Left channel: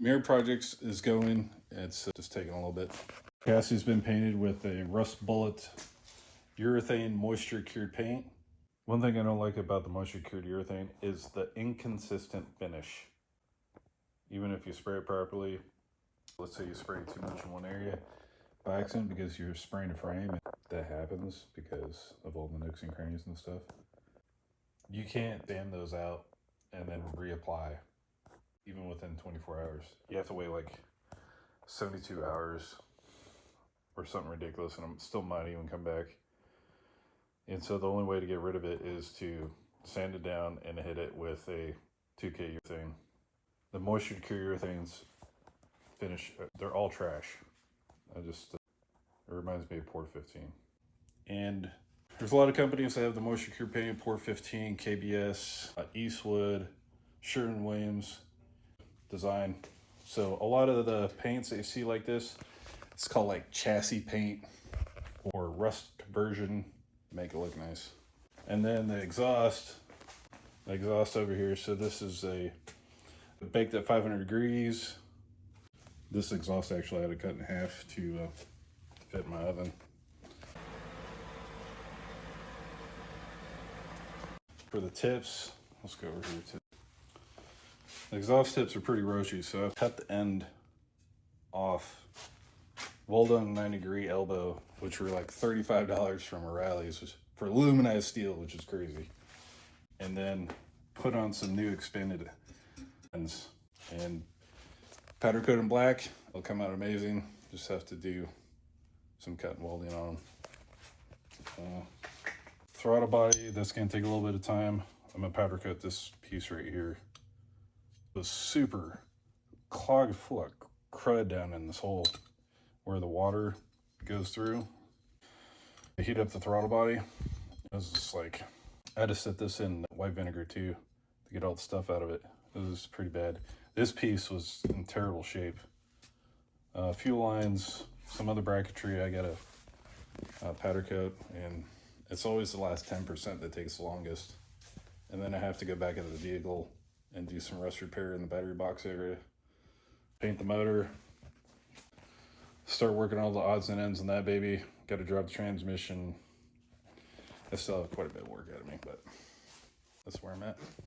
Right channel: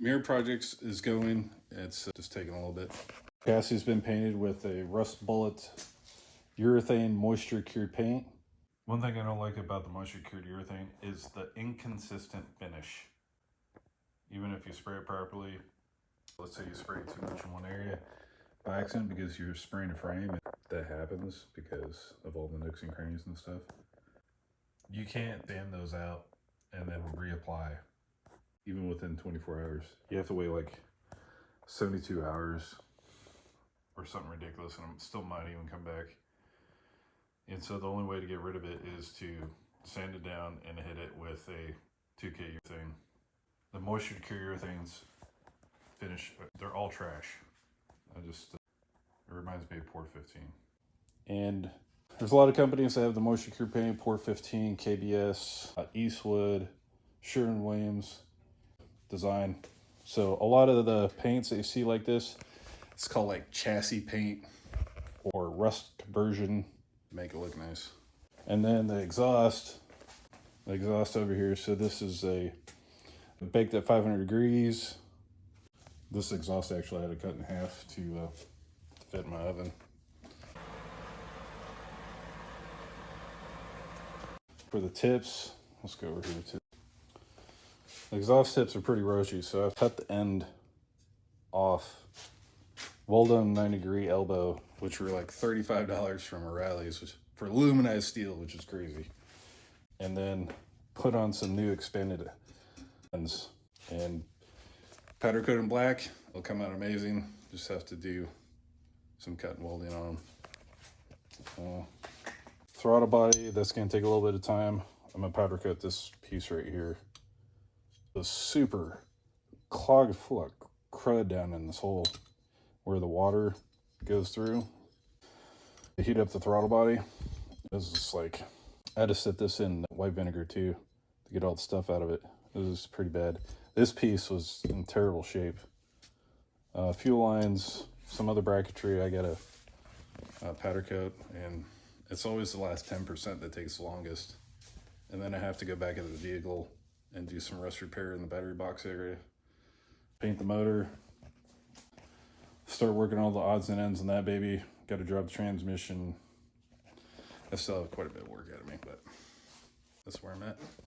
Mirror projects is going. It's just taking a little bit. Chassis's been painted with a rust bullet urethane moisture cured paint. One thing I don't like about the moisture cured urethane is the inconsistent finish. Even if you spray it properly, let's say you spray too much in one area by accident because you're spraying a frame, and that happens because of all the nooks and crannies and stuff. You can't sand those out and then reapply even within 24 hours. You have to wait like 72 hours or something ridiculous, and it still might even come back. And so the only way to get rid of it is to sand it down and hit it with a 2K urethane. The moisture cure urethanes finish, they're all trash. It reminds me of Port 15. And there's a lot of companies that have the moisture cure paint, Port 15, KBS, Eastwood, Sherwin-Williams design. So a lot of the paints that you see like this, it's called like chassis paint or rust conversion, make it look nice. And then the exhaust over here. So this is baked at 500 degrees. This exhaust actually I had to cut in half to fit in my oven. For the tips, let's go over here too. The exhaust tips are pretty roachy, so I've cut the end off. Well done 90-degree elbow, which were like $35 from O'Reilly's for aluminized steel, which is crazy. And then put on some new expanded ends and powder coat in black. It'll come out amazing. Just have to do some cut and welding on them. Throttle body, that's gonna take a little bit of time. I'm gonna powder coat this piece right here. It was super clogged full of crud down in this hole where the water goes through. To heat up the throttle body, it was just like, I had to set this in white vinegar too to get all the stuff out of it. This is pretty bad. This piece was in terrible shape. Fuel lines, some other bracketry, I got a powder coat, and it's always the last 10% that takes the longest. And then I have to go back into the vehicle and do some rust repair in the battery box area. Paint the motor. Start working all the odds and ends in that baby. Got to drop the transmission. I still have quite a bit of work out of me, but that's where I'm at.